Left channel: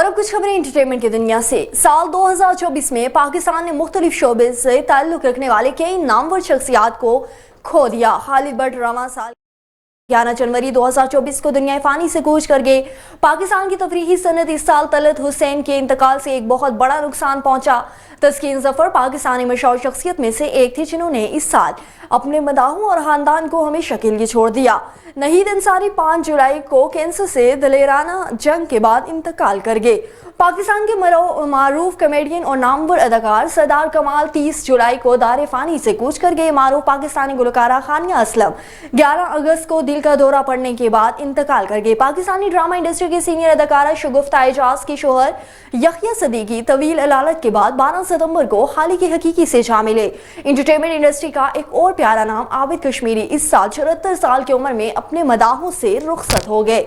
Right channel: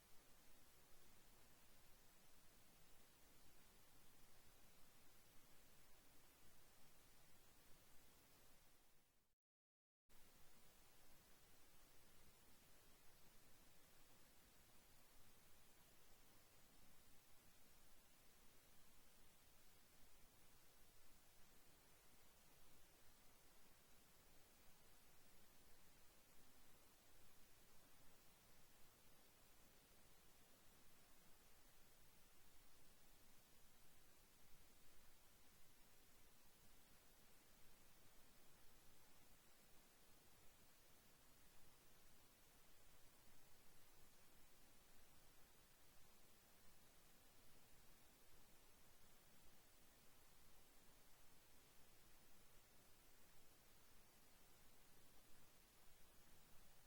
और अब कुछ खबरें एंटरटेनमेंट की दुनिया से। साल 2024 में पाकिस्तान ने मुख्तलिफ शोबे से ताल्लुक रखने वाले कई नामवर शख्सियात को खो दिया। हालिबट रवां साल 11 जनवरी 2024 को दुनिया फानी से कूच कर गए। पाकिस्तान की तफरीही सनत इस साल तलत हुसैन के इंतकाल से एक बहुत बड़ा नुकसान पहुंचा। तस्कीन जफर पाकिस्तानी मशहूर शख्सियत में से एक थी जिन्होंने इस साल अपने मदाहों और खानदान को हमेशा के लिए छोड़ दिया। नहीद अंसारी 5 जुलाई को कैंसर से दलेराना जंग के बाद इंतकाल कर गए। पाकिस्तान के मारूफ कॉमेडियन और नामवर अदाकार सरदार कमाल 30 जुलाई को दार फानी से कूच कर गए। मारूफ पाकिस्तानी गुलकारा खानिया असलम 11 अगस्त को दिल का दौरा पड़ने के बाद इंतकाल कर गए। पाकिस्तानी ड्रामा इंडस्ट्री के सीनियर अदाकारा शगुफ्ता एजाज की शोहर यहिया सदीकी तवील अलालत के बाद 12 सितंबर को हाल की हकीकी से जा मिले। एंटरटेनमेंट इंडस्ट्री का एक और प्यारा नाम आबिद कश्मीरी इस साल 74 साल की उम्र में अपने मदाहों से रुखसत हो गए।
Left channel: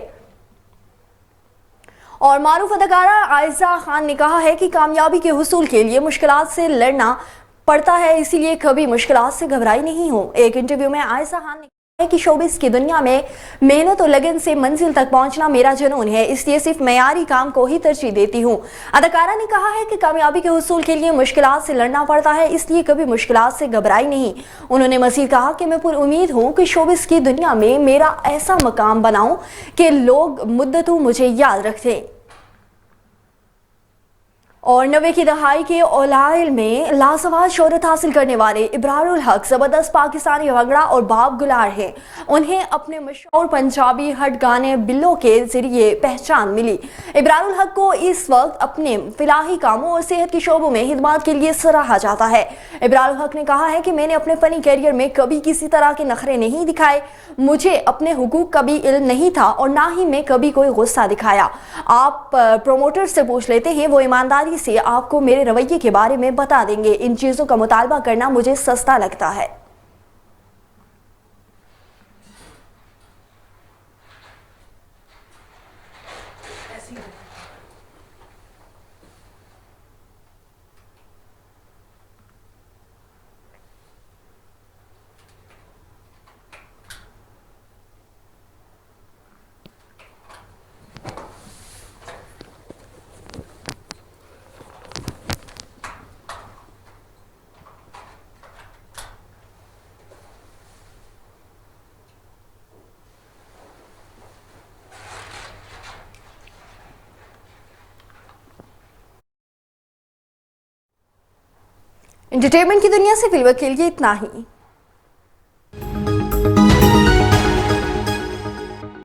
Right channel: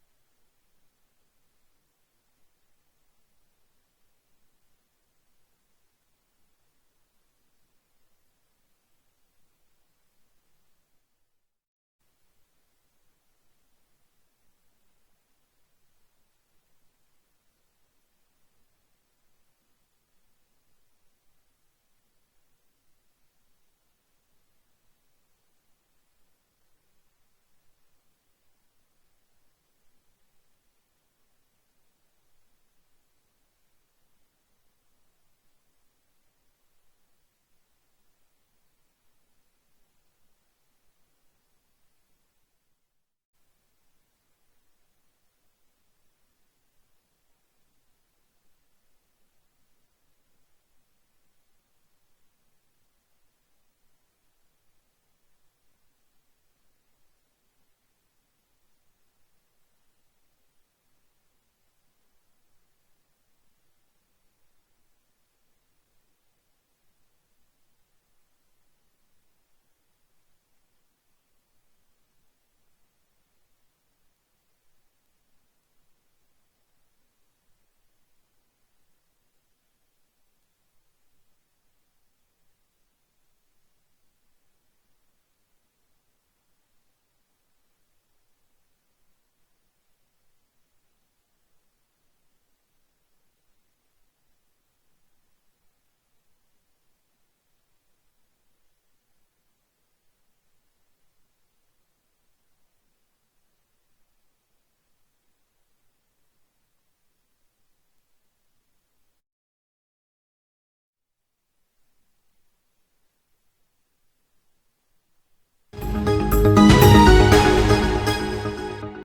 और मारूफ अदाकारा आयशा खान ने कहा है कि कामयाबी के हुसूल के लिए मुश्किलात से लड़ना पड़ता है, इसीलिए कभी मुश्किलात से घबराई नहीं हूँ। एक इंटरव्यू में आयशा खान ने कहा है कि शोबिस की दुनिया में मेहनत और लगन से मंजिल तक पहुंचना मेरा जुनून है, इसलिए सिर्फ मयारी काम को ही तरजीह देती हूँ। अदाकारा ने कहा है कि कामयाबी के हुसूल के लिए मुश्किलात से लड़ना पड़ता है, इसलिए कभी मुश्किलात से घबराई नहीं। उन्होंने मज़ीद कहा कि मैं पुर उम्मीद हूँ कि शोबिस की दुनिया में मेरा ऐसा मकाम बनाऊं कि लोग मुद्दतों मुझे याद रखें। और 90 की दहाई के ओलाइल में लाजवाब शोहरत हासिल करने वाले इब्रारुल हक जबरदस्त पाकिस्तानी भंगड़ा और बाब गुलार हैं। उन्हें अपने मशहूर पंजाबी हट गाने बिल्लो के जरिए पहचान मिली। इब्रारुल हक को इस वक्त अपने फिलाही कामों और सेहत के शोबों में खिदमत के लिए सराहा जाता है। इब्रारुल हक ने कहा है कि मैंने अपने फनी कैरियर में कभी किसी तरह के नखरे नहीं दिखाए, मुझे अपने हुकूक का भी इल्म नहीं था और ना ही मैं कभी कोई गुस्सा दिखाया। आप प्रोमोटर से पूछ लेते हैं, वो ईमानदारी से आपको मेरे रवैये के बारे में बता देंगे। इन चीजों का मुतालबा करना मुझे सस्ता लगता है। एंटरटेनमेंट की दुनिया से फिलहाल के लिए इतना ही।